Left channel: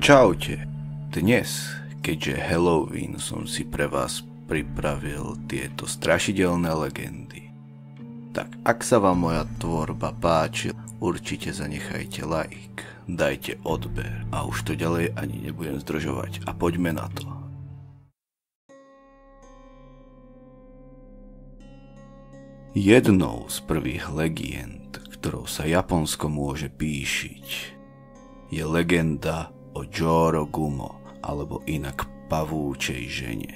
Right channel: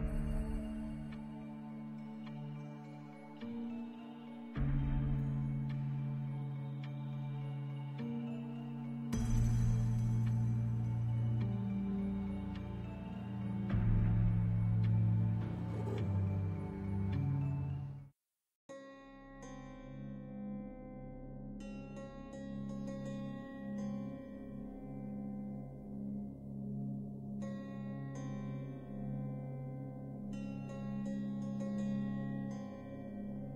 Čaute, dnes, keďže Halloween, som si pre vás pripravil tieto strašidelné legendy. Tak ak sa vám moja tvorba páči, určite zanechajte like, dajte odber a už to ďalej ani nebudem zdržovať a poďme na to. Jednou z prvých legend, ktorou sa Japonsko môže píšiť, je legenda o Jorogumo, alebo inak pavúčej žene.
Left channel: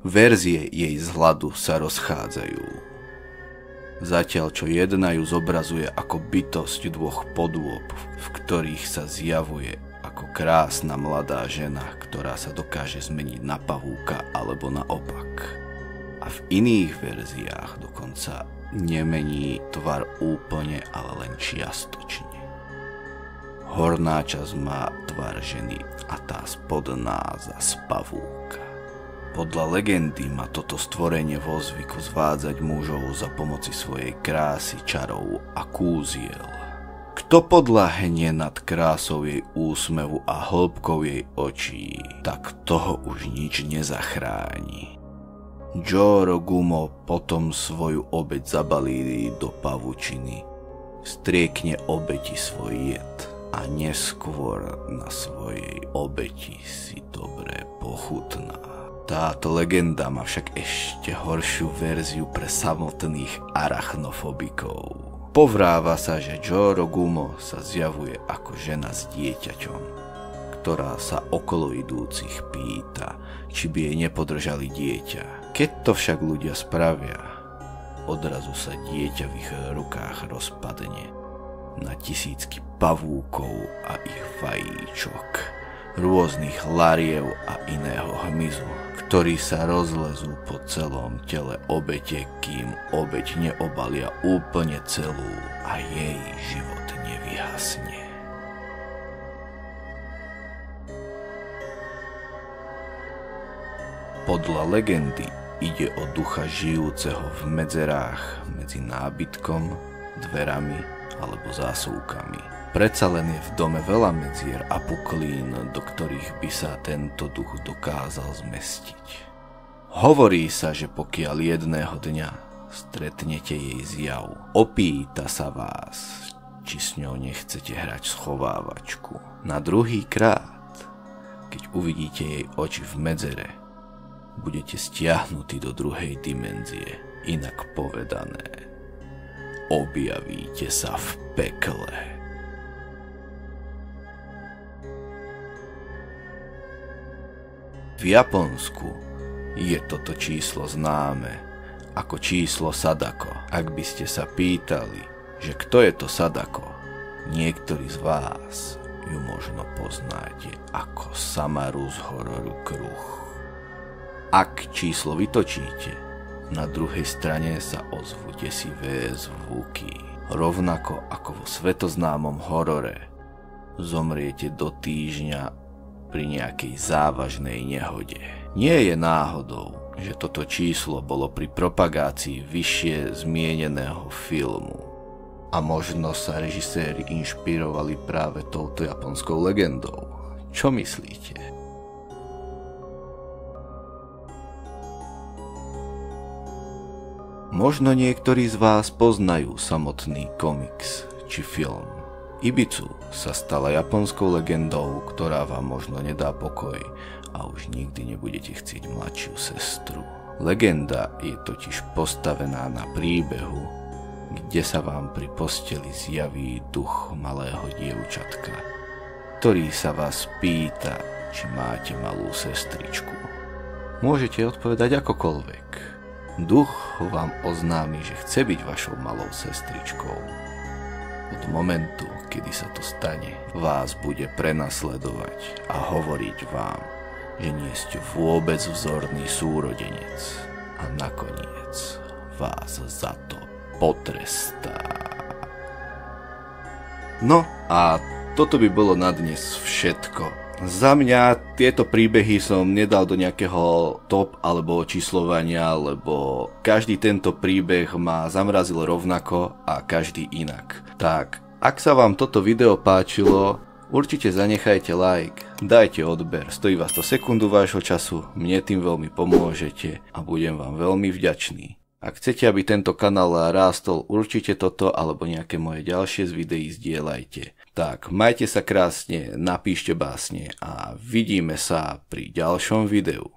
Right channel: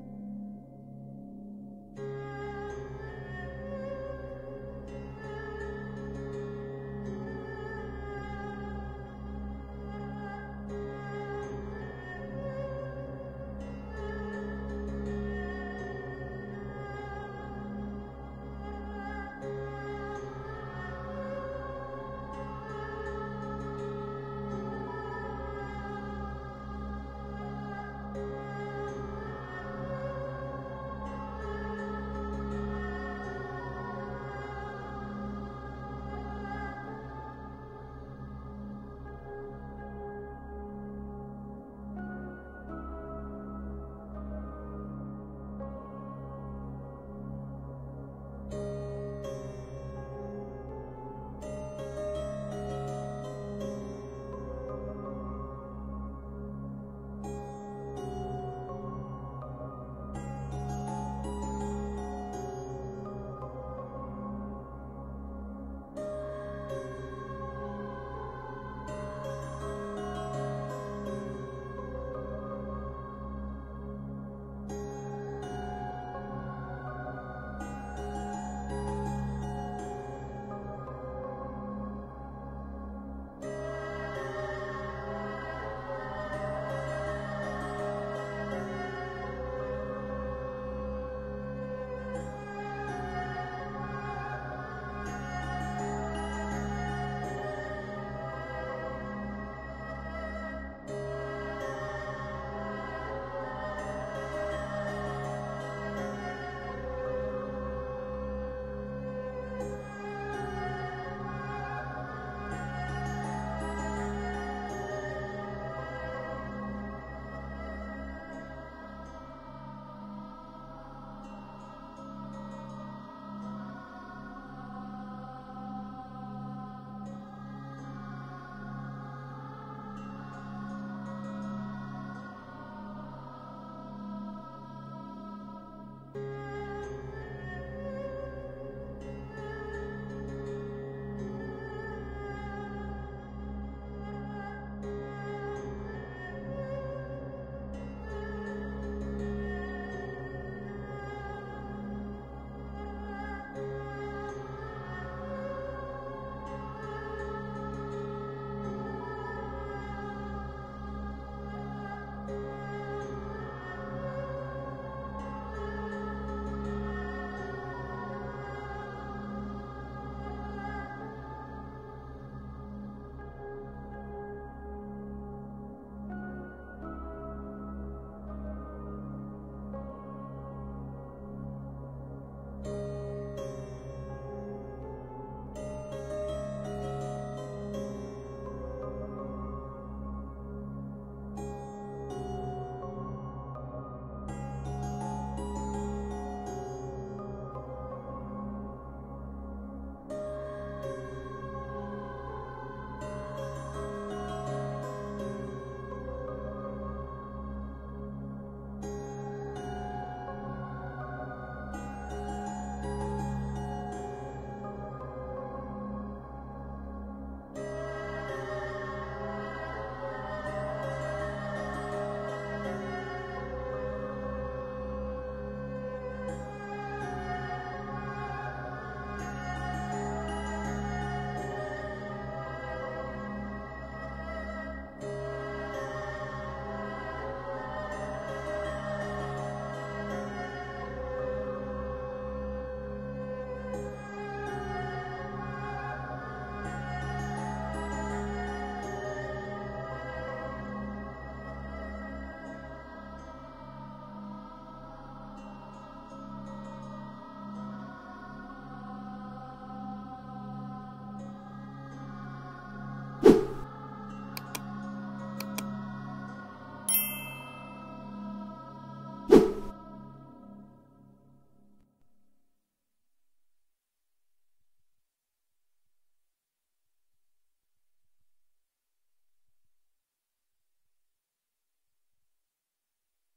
Verzie jej zhľadu sa rozchádzajú. Zatiaľ čo jedna ju zobrazuje ako bytosť dvoch podôb, v ktorých sa zjavuje ako krásna mladá žena, ktorá sa dokáže zmeniť na pavúka alebo naopak. A v iných verziách dokonca nemení tvar úplne, ale len čiastočne. Horná časť má tvar ženy a tá spodná zas pavúka. Podľa legendy má toto stvorenie vo zvyku zvádzať mužov za pomoci svojej krásy, čarov a kúziel. Kto podľahne nad krásou jej úsmevu a hĺbkou jej očí, tak toho už nič nezachráni. Jorogumo potom svoju obeť zabalí do pavučiny, striekne obeti svoj jed a neskôr na svojej obeti si dobre pochutná. Táto legenda má však ešte horšiu verziu pre samotných arachnofobikov. Povráva sa, že Jorogumo sa zjavuje ako žena s dieťaťom, ktorá sa okolo idúcich pýta, či by jej nepodržali dieťa. Keď to však ľudia spravia, odrazu sa dieťa v ich rukách rozpadne na tisícky pavúkov a ich vajíčok, rôznych lariev a iného hmyzu, ktorí sa rozlezú po celom tele obete, kým obeť neobalia úplne celú a jej život nevyhasne. Podľa legendy ide o ducha žijúceho v medzerách medzi nábytkom, dverami alebo zásuvkami. Predsa len je v dome veľa medzier a puklín, do ktorých by sa tento duch dokázal zmestiť. Hovorí sa, že pokiaľ jedného dňa stretnete jej zjav, opýta sa vás, či s ňou nechcete hrať schovávačku. Na druhý krát, keď uvidíte jej oči v medzere, budete stiahnutí do druhej dimenzie, inak povedané, objavíte sa v pekle. V Japonsku je toto číslo známe ako číslo Sadako. Ak by ste sa pýtali, že kto je to Sadako, niektorí z vás ju možno poznáte ako Samaru z hororu Kruh. Ak číslo vytočíte, na druhej strane sa ozvú desivé zvuky. Rovnako ako vo svetoznámom horore, zomriete do týždňa pri nejakej závažnej nehode. Nie je náhodou, že toto číslo bolo pri propagácii vyššie zmieneného filmu. A možno sa režiséri inšpirovali práve touto japonskou legendou. Čo myslíte? Možno niektorí z vás poznajú samotný komiks či film. Ibizu sa stala japonskou legendou, ktorá vám možno nedá pokoj a už nikdy nebudete chcieť mladšiu sestru. Legenda je totiž postavená na príbehu, kde sa vám pri posteli zjaví duch malého dievčatka, ktorý sa vás pýta, či máte malú sestričku. Môžete odpovedať akokoľvek. Duch vám oznámi, že chce byť vašou malou sestričkou. Od momentu, kedy sa to stane, vás bude prenasledovať a hovoriť vám, že nie ste vôbec vzorný súrodenec a nakoniec vás za to potrestá. No a toto by bolo na dnes všetko. Za mňa tieto príbehy som nedal do nejakého top alebo číslovania, lebo každý tento príbeh ma zamrazil rovnako a každý inak. Tak, ak sa vám toto video páčilo, Určite zanechajte like, dajte odber, stojí vás to sekundu vášho času, mne tým veľmi pomôžete a budem vám veľmi vďačný. Ak chcete, aby tento kanál rástol, určite toto alebo nejaké moje ďalšie z videí zdieľajte. Tak, majte sa krásne, napíšte básne a vidíme sa pri ďalšom videu.